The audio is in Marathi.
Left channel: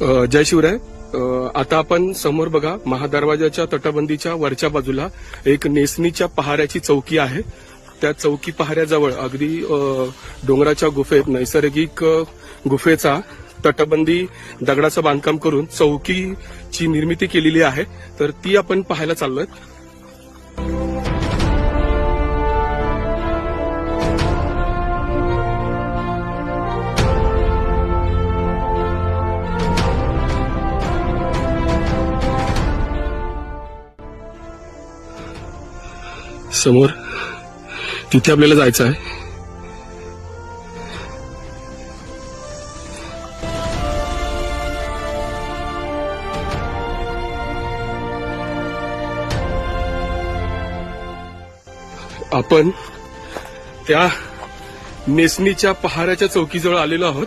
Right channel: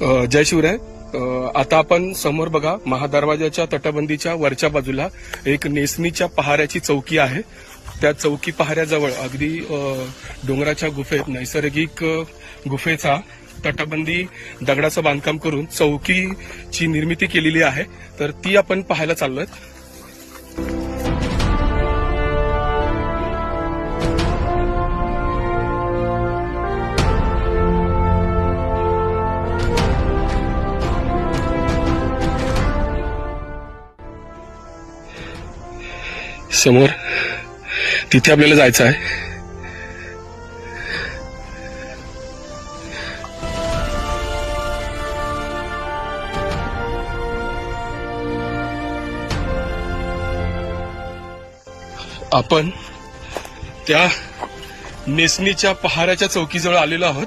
जय शिवराय. आता आपण समोर बघा, महादरवाजाच्या तटबंदीच्या वरच्या बाजूला एक नेसमीच्या पहाऱ्याची चौकी आहे. त्या चौकी पहाऱ्याजवळ अगदी डोंगराच्या गुफेत नैसर्गिक गुफेचा तटबंदी दगडाचं बांधकाम करून चौकीची निर्मिती केलेली आहे. तर ती आपण पाहायला चाललोय. समोर तिथे आपल्याला जायचं आहे. आपण त्या नेसमीच्या पहाऱ्याच्या चौकीजवळ आलेलो आहोत.